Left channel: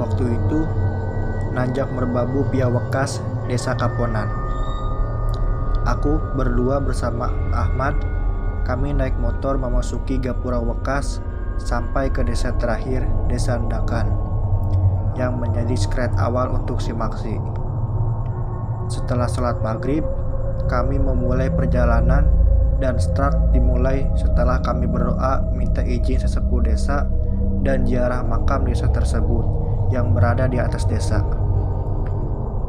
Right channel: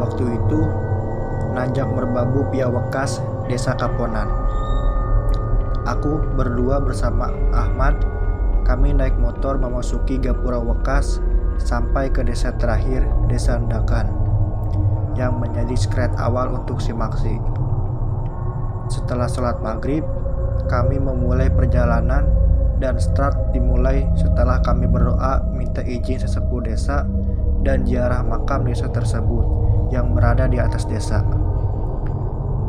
Waktu itu, nanjak merbabu Piawekas, Desa Kaponan. Aku berdua bersama Ahmad, kami naik motor memasuki Gapura Wekas sampai ke desa terakhir, Desa Ndakan, yang menjadi skret awal untuk Simaksi. Setelah sholat maghrib, kami memulai perjalanan dan start dimulai setelah kami berdoa minta izin sesepuh desa dan ziarah makam desa tersebut yang berada di atas desa.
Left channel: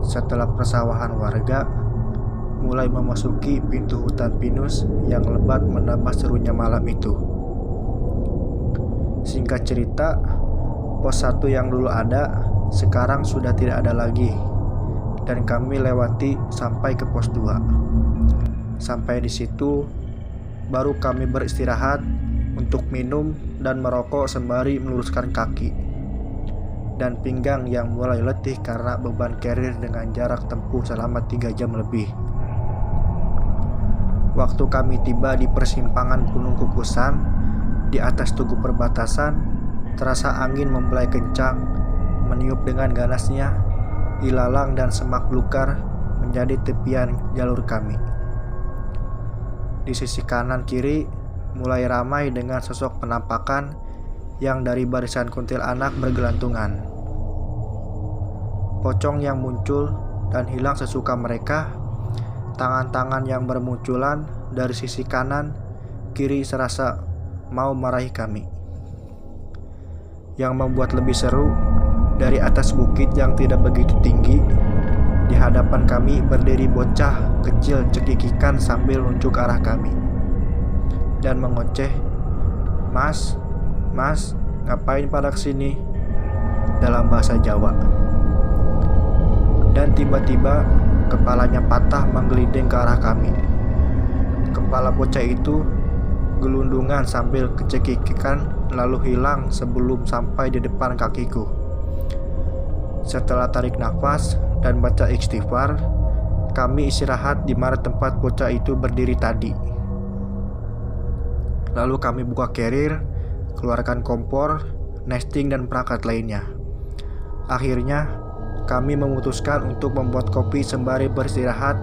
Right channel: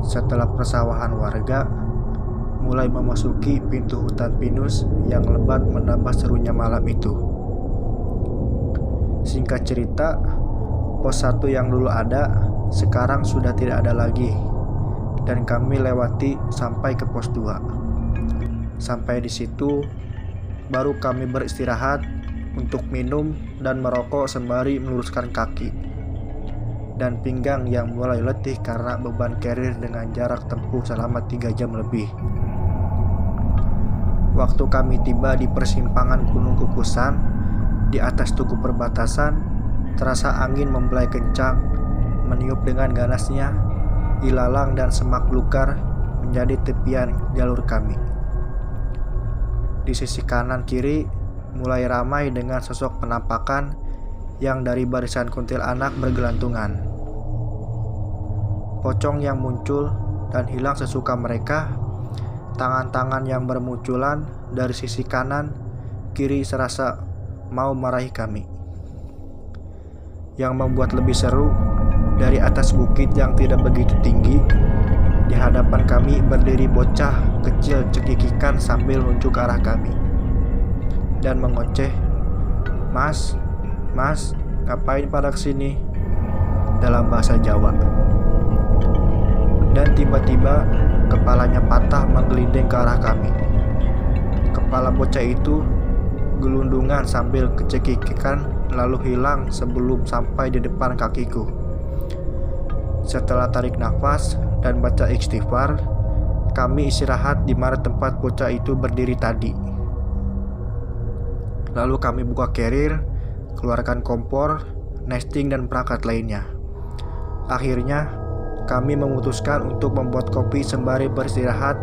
Setelah persawahan warga, mulai memasuki pintu hutan pinus yang lebat menambah serunya malam itu. Singkat cerita, pos 1 yang dulu ada, sekarang sudah tidak ada lagi, dan kami lewati sampai ke pos 2. Sampai di situ, baru kami beristirahat untuk minum dan merokok sembari meluruskan kaki dan pinggang yang mulai letih karena beban carrier dengan jarak tempuh selama 3 jam lebih. Waktu kami tiba di persimpangan Gunung Kukusan, di atas tugu perbatasan, terasa angin membelai kencang, meniup dengan ganasnya, ilalang dan semak belukar menjadi tepian jalur kami. Di sisi kanan kiri mulai ramai dengan sosok penampakan yang dari barisan kuntilanak bergelantungan. Pocong yang muncul dan hilang sesuka mereka, tangan-tangan yang bermunculan dari sisi kanan kiri serasa mau marahi kami. Yang membuat lebih seru, dari atas bukit yang tidak begitu tinggi, di hadapan kami berdiri bocah kecil cekikikan sambil nunjuk arah kami dan mengoceh, "Mas, mas, ngapain pada kesini?" dalam bahasa Jawa. Dan tiba-tiba kepalanya patah menggelinding ke arah kami. Kepala bocah itu gelundungan sambil kecekikikan lalu hilang sebelum sampai di depan kakiku. Setelah tarik nafas dan baca istighfar, kami istirahat di mana tempat bocah itu berdiri tadi. Lalu kami buka carrier, keluarkan kompor, nesting dan perangkat lainnya. Akhirnya, kami memutuskan untuk membuat kopi sembari beristirahat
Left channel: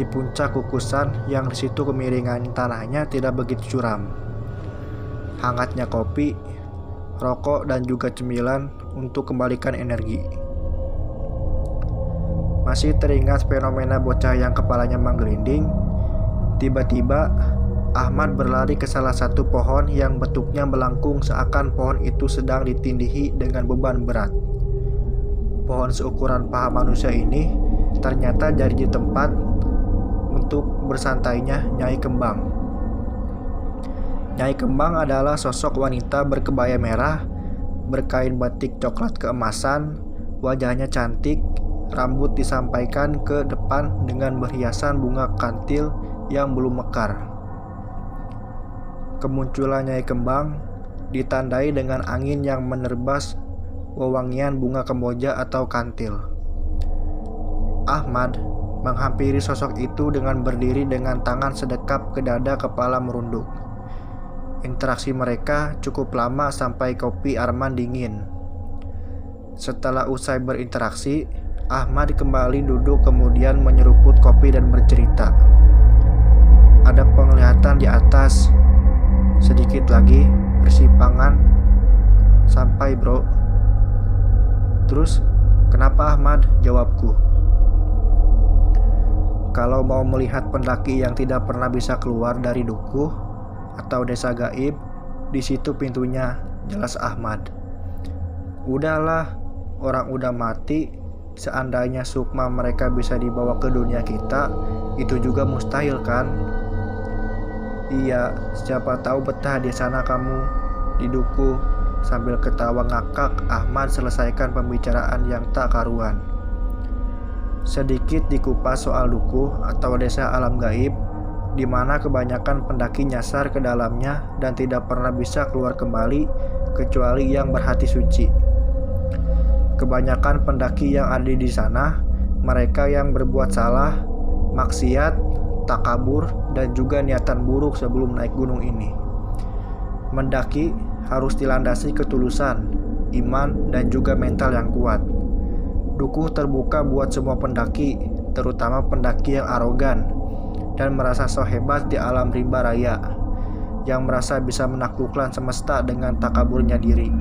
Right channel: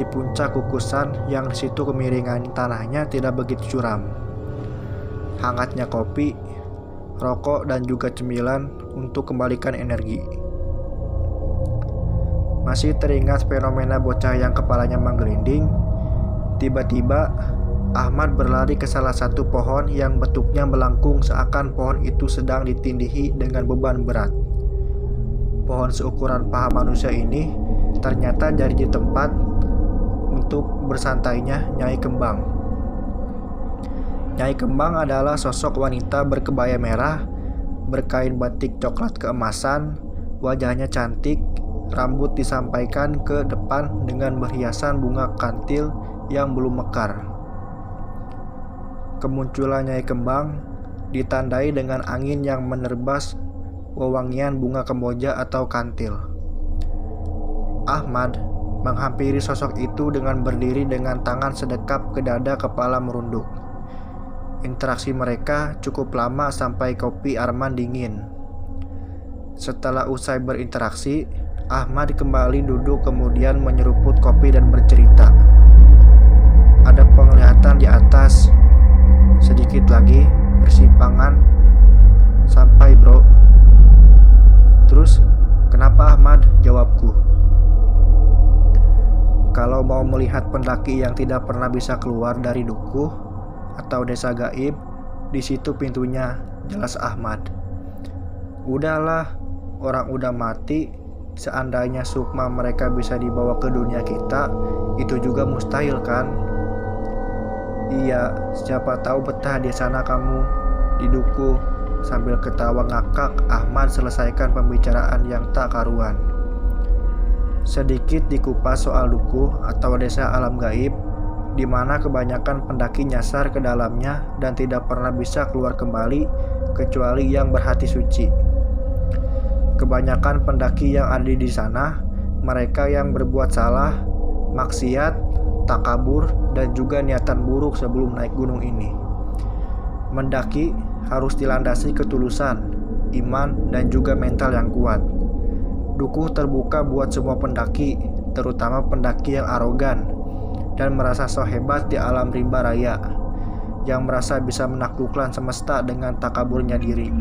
di puncak kukusan yang di situ kemiringan tanahnya tidak begitu curam. Hangatnya kopi, rokok dan juga cemilan untuk kembalikan energi. Masih teringat fenomena bocah yang kepalanya menggelinding. Tiba-tiba Ahmad berlari ke salah satu pohon yang bentuknya melengkung seakan pohon itu sedang ditindihi dengan beban berat. Pohon seukuran paha manusia ini ternyata jadi tempat untuk bersantainya Nyai Kembang. Nyai Kembang adalah sosok wanita berkebaya merah, berkain batik coklat keemasan, wajahnya cantik, rambut disampaikan ke depan dengan berhiasan bunga kantil yang belum mekar. Kemunculan Nyai Kembang ditandai dengan angin yang menerbas wewangian bunga kemboja atau kantil. Ahmad menghampiri sosok itu dengan berdiri dengan tangan sedekap ke dada kepala merunduk. Interaksi mereka cukup lama sampai kopi Arman dingin. Setelah usai berinteraksi, Ahmad kembali duduk kemudian menyeruput kopi dan bercerita. "Ada penglihatan di atas. Sedikit lagi persimpangan sampai, bro." "Terus, kenapa Ahmad?" jawabku. "Kalau mau melihat pendaki yang tidak pernah bisa keluar dari dukuh atau desa gaib, di situ pintunya," jelas Ahmad. "Udahlah, orang udah mati. Seandainya sukma mereka bisa dibawa ke dunia kita, itu juga mustahil kan?" "Iya, siapa tahu betah di sana kamu, di dukuh." Sambil ketawa ngakak, Ahmad selesaikan pembicaraan yang tak karuan. Sedikit dikupas soal dukuh atau desa alam gaib, di mana kebanyakan pendaki nyasar ke dalamnya dan tidak pernah bisa keluar kembali kecuali yang berhati suci. Kebanyakan pendaki yang ada di sana, mereka yang berbuat salah, maksiat, takabur, dan juga niatan buruk sebelum naik gunung ini. Mendaki harus dilandasi ketulusan, iman, dan juga mental yang kuat. Dukuh terbuka buat semua pendaki, terutama pendaki yang arogan dan merasa so hebat di alam rimba raya, yang merasa bisa menaklukkan semesta dengan takaburnya diri.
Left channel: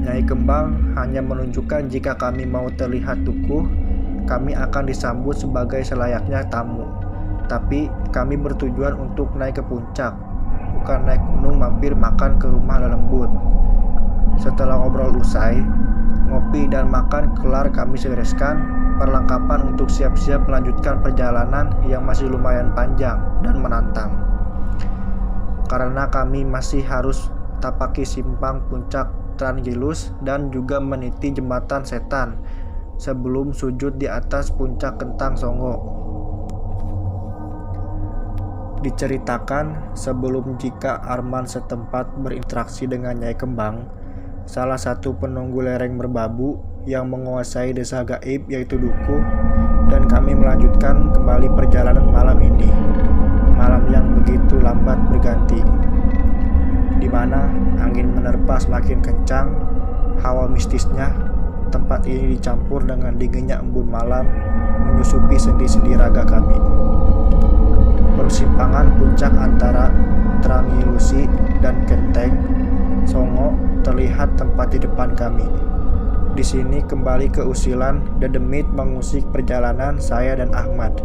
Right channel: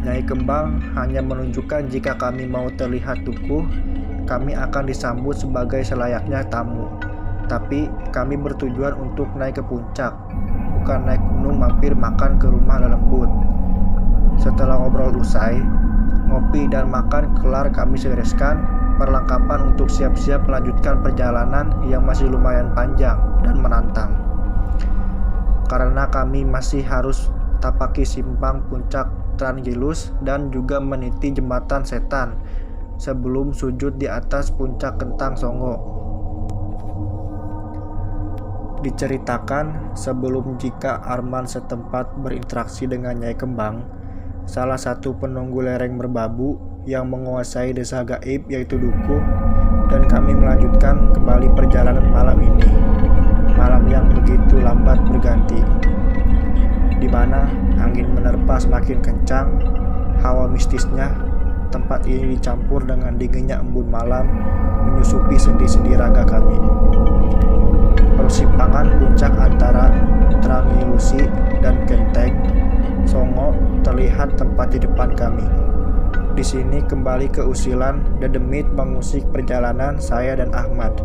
Nyai Kembang hanya menunjukkan jika kami mau terlihat dukuh, kami akan disambut sebagai selayaknya tamu. Tapi kami bertujuan untuk naik ke puncak, bukan naik gunung mampir makan ke rumah lelembut. Setelah ngobrol usai, ngopi dan makan kelar, kami bereskan perlengkapan untuk siap-siap melanjutkan perjalanan yang masih lumayan panjang dan menantang. Karena kami masih harus tapaki simpang puncak Trangilus dan juga meniti jembatan setan sebelum sujud di atas puncak Kentang Songo. Diceritakan sebelum jika Arman setempat berinteraksi dengan Nyai Kembang, salah satu penunggu lereng merbabu yang menguasai desa gaib yaitu Dukuh, dan kami melanjutkan kembali perjalanan malam ini. Malam yang begitu lambat berganti, di mana angin menerpa semakin kencang. Hawa mistisnya tempat ini dicampur dengan dinginnya embun malam menyusupi sendi-sendi raga kami. Persimpangan puncak antara Trangilusi dan Kenteng Songo terlihat tempat di depan kami. Di sini kembali keusilan dedemit mengusik perjalanan saya dan Ahmad.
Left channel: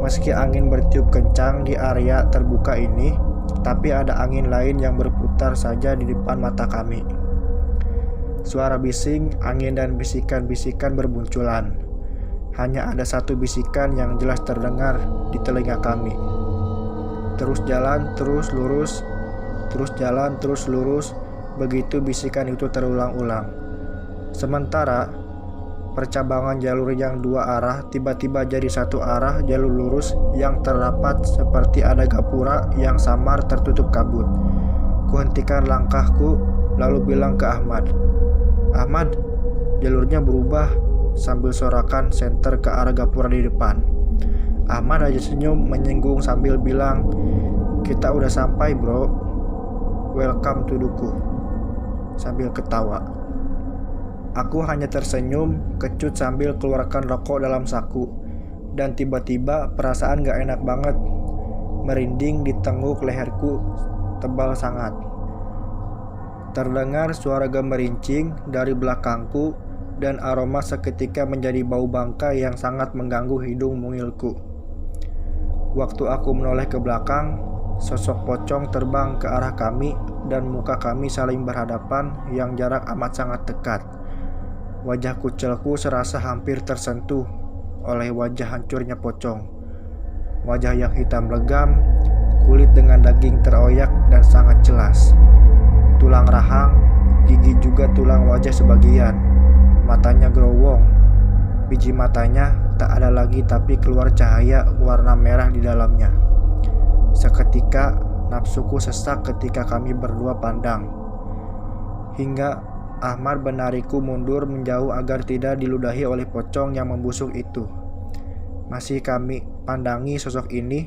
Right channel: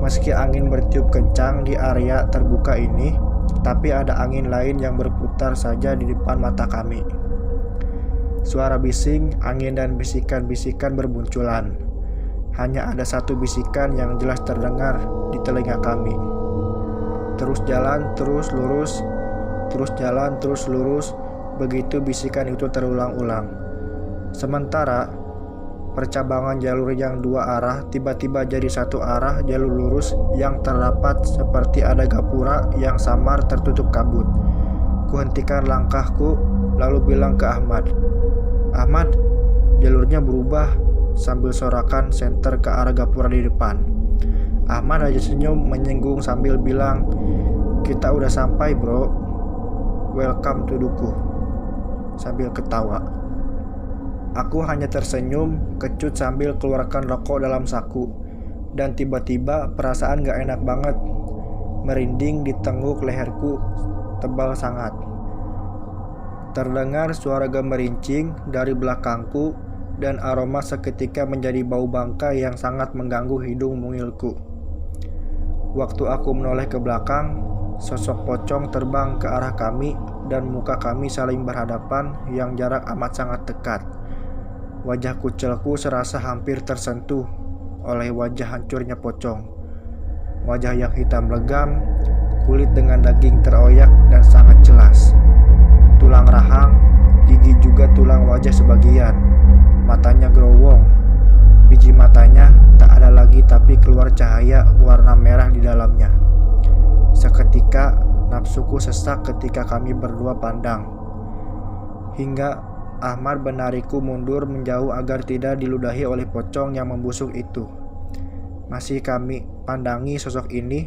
Meski angin bertiup kencang di area terbuka ini, tapi ada angin lain yang berputar saja di depan mata kami. Suara bising, angin, dan bisikan-bisikan berbunculan. Hanya ada satu bisikan yang jelas terdengar di telinga kami. Terus jalan, terus lurus, terus jalan, terus lurus. Begitu bisikan itu terulang-ulang. Sementara percabangan jalur yang dua arah tiba-tiba jadi satu arah jalur lurus yang terrapat seperti ada gapura yang samar tertutup kabut. Kuhentikan langkahku lalu bilang ke Ahmad, "Ahmad, jalurnya berubah," sambil sorakan senter ke arah gapura di depan. Ahmad aja senyum menyinggung sambil bilang, "Kita udah sampai bro, welcome to Dukuh," sambil ketawa. Aku hanya tersenyum, kecut sambil keluarkan rokok dalam saku. Dan tiba-tiba perasaan gak enak banget. Merinding di tengkuk leherku tebal sangat. Terdengar suara gemerincing dari belakangku dan aroma seketika menjadi bau bangkai yang sangat mengganggu hidung mungilku. Waktu aku menoleh ke belakang, sosok pocong terbang ke arah kami dan muka kami saling berhadapan yang jarak amat sangat dekat. Wajah kucilku serasa hampir tersentuh oleh wajah hancurnya pocong. Wajah yang hitam legam, kulit dengan daging teroyak dan sangat jelas. Tulang rahang, gigi juga tulang wajah sebagian. Matanya gerowong. Biji matanya tak ada lagi tapi keluar cahaya warna merah di dalamnya. Seketika nafsuku sesak ketika kami berdua pandang. Hingga Ahmad menarikku mundur menjauh agar tidak diludahi oleh pocong yang membusuk itu. Masih kami pandangi sosok ini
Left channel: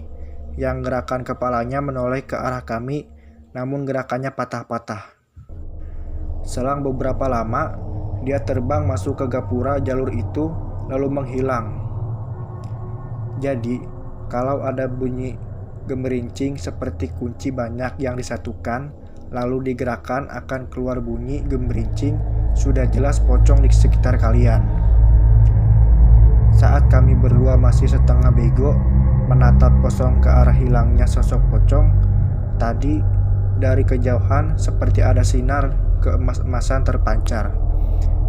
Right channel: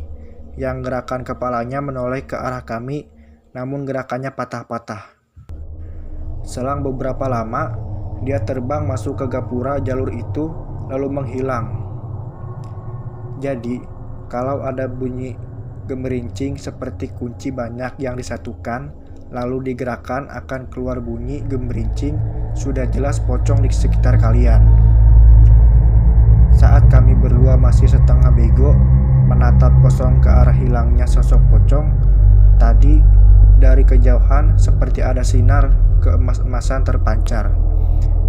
yang gerakan kepalanya menoleh ke arah kami, namun gerakannya patah-patah. Selang beberapa lama, dia terbang masuk ke gapura jalur itu lalu menghilang. Jadi, kalau ada bunyi gemerincing seperti kunci banyak yang disatukan lalu digerakkan akan keluar bunyi gemerincing, sudah jelas pocong di sekitar kalian. Saat kami berdua masih setengah bego menatap kosong ke arah hilangnya sosok pocong, tadi dari kejauhan seperti ada sinar keemas-emasan terpancar.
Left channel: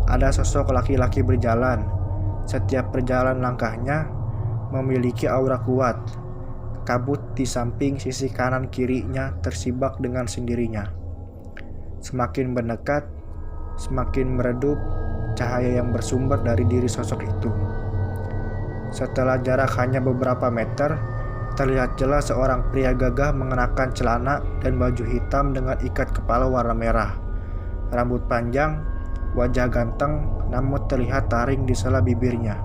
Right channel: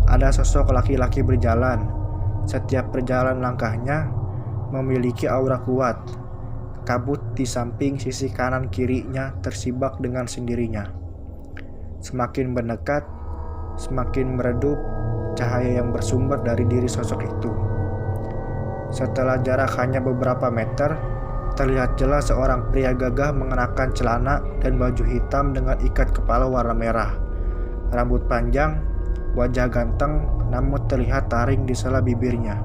Ada sosok laki-laki berjalan. Setiap perjalanan langkahnya memiliki aura kuat. Kabut di samping sisi kanan kirinya tersibak dengan sendirinya. Semakin mendekat, semakin meredup cahaya yang bersumber dari diri sosok itu. Setelah jarak hanya beberapa meter, terlihat jelas seorang pria gagah mengenakan celana dan baju hitam dengan ikat kepala warna merah. Rambut panjang, wajah ganteng, namun terlihat taring di sela bibirnya.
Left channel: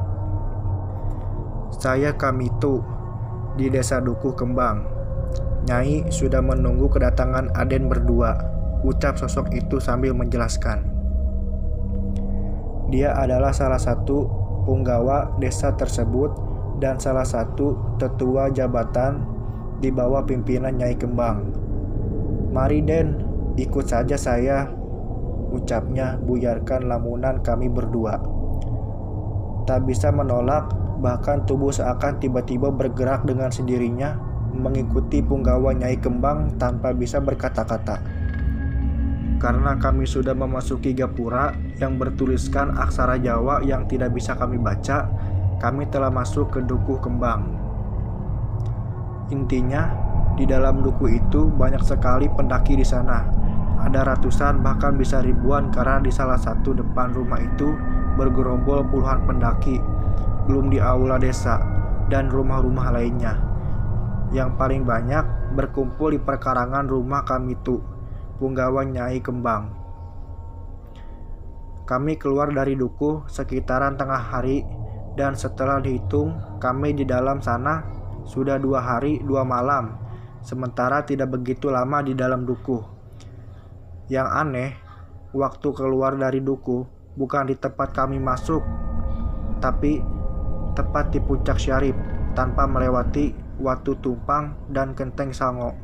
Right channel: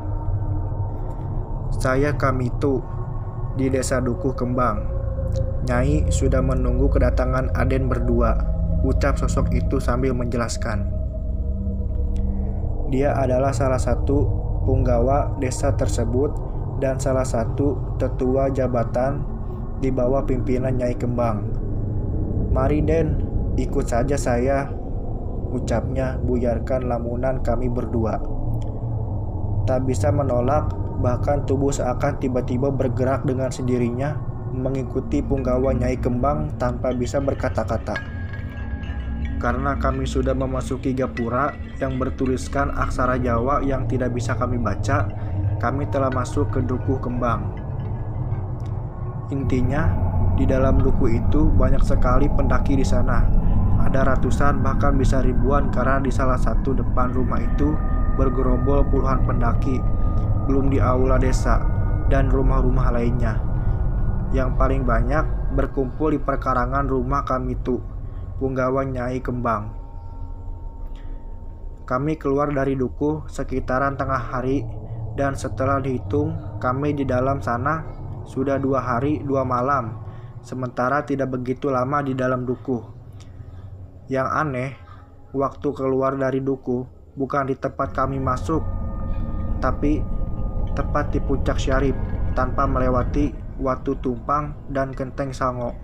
"Saya Kamito di desa Dukuh Kembang. Nyai sudah menunggu kedatangan Aden berdua, ucap sosok itu sambil menjelaskan. Dia adalah salah satu punggawa desa tersebut dan salah satu tetua jabatan di bawah pimpinan Nyai Kembang. Mari Den, ikut saja saya, ucapnya buyarkan lamunan kami berdua. Tak bisa menolak, bahkan tubuh seakan tiba-tiba bergerak dengan sendirinya mengikuti punggawa Nyai Kembang tanpa bisa berkata-kata. Karena kami sudah memasuki gapura yang bertuliskan aksara Jawa yang tidak bisa kami baca, kami telah masuk ke Dukuh Kembang. Intinya, di dalam dukuh itu banyak sekali pendaki di sana. Ada ratusan bahkan bisa ribuan karena di salah satu depan rumah itu bergerombol puluhan pendaki, belum di aula desa dan rumah-rumah lainnya. Yang paling banyak berkumpul di perkarangan rumah kami tuh, punggawa Nyai Kembang. Kami keluar dari dukuh sekitaran tengah hari dan setelah dihitung kami di dalam sana sudah 2 hari 2 malam, sementara tidak begitu lama di dalam dukuh. Yang aneh, waktu keluar dari dukuh bukan di tempat kami masuk, tapi tepat di puncak Syarif tanpa melewati Watu Tumpang dan Genteng Sango.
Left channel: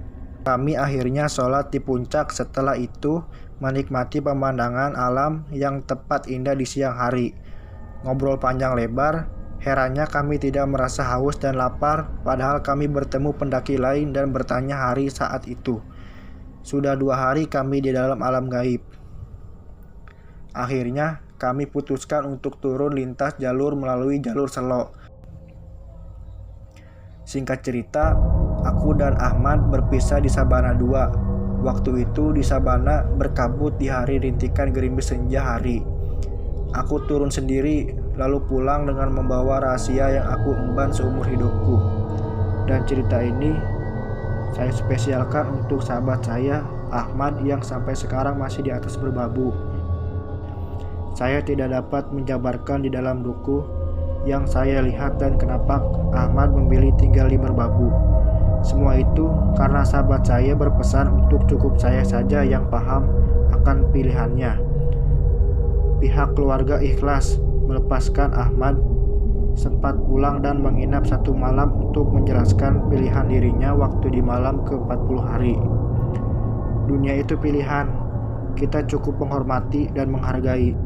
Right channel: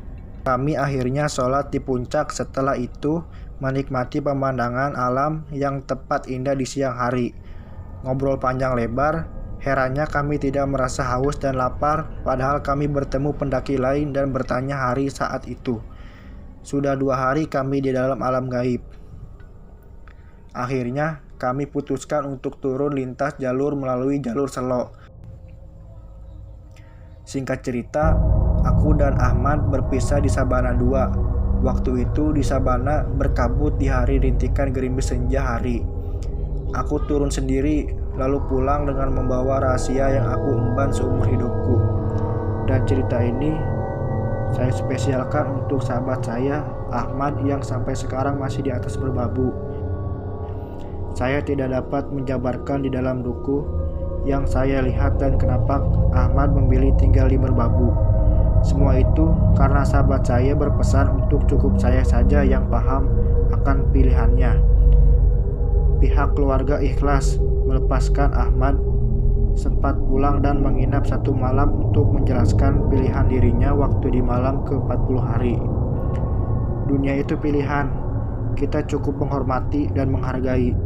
Kami akhirnya sholat di puncak, setelah itu menikmati pemandangan alam yang tepat indah di siang hari. Ngobrol panjang lebar, herannya kami tidak merasa haus dan lapar padahal kami bertemu pendaki lain dan bertanya hari saat itu. Sudah 2 hari kami di dalam alam gaib. Akhirnya kami putuskan untuk turun lintas jalur melalui jalur Selo. Singkat cerita, aku dan Ahmad berpisah di Sabana 2. Waktu itu di Sabana berkabut di hari rintikan gerimis senja hari. Aku turun sendiri lalu pulang dengan membawa rahasia yang aku emban seumur hidupku. Dan cerita ini saya spesialkan untuk sahabat saya, Ahmad, yang sampai sekarang masih di atas berbabu. Saya tidak dapat menjabarkan di dalam dukuh yang saya lihat dan kenapa Ahmad memilih tinggal di Merbabu. Semua itu karena sahabat saya berpesan untuk cukup saya saja yang paham akan pilihannya. Pihak keluarga ikhlas melepaskan Ahmad, sempat pulang dan menginap 1 malam untuk menjelaskan pilihan dirinya waktu di malam ke-40 hari. Dunia itu pilihan, kita cukup menghormati dan menghargai.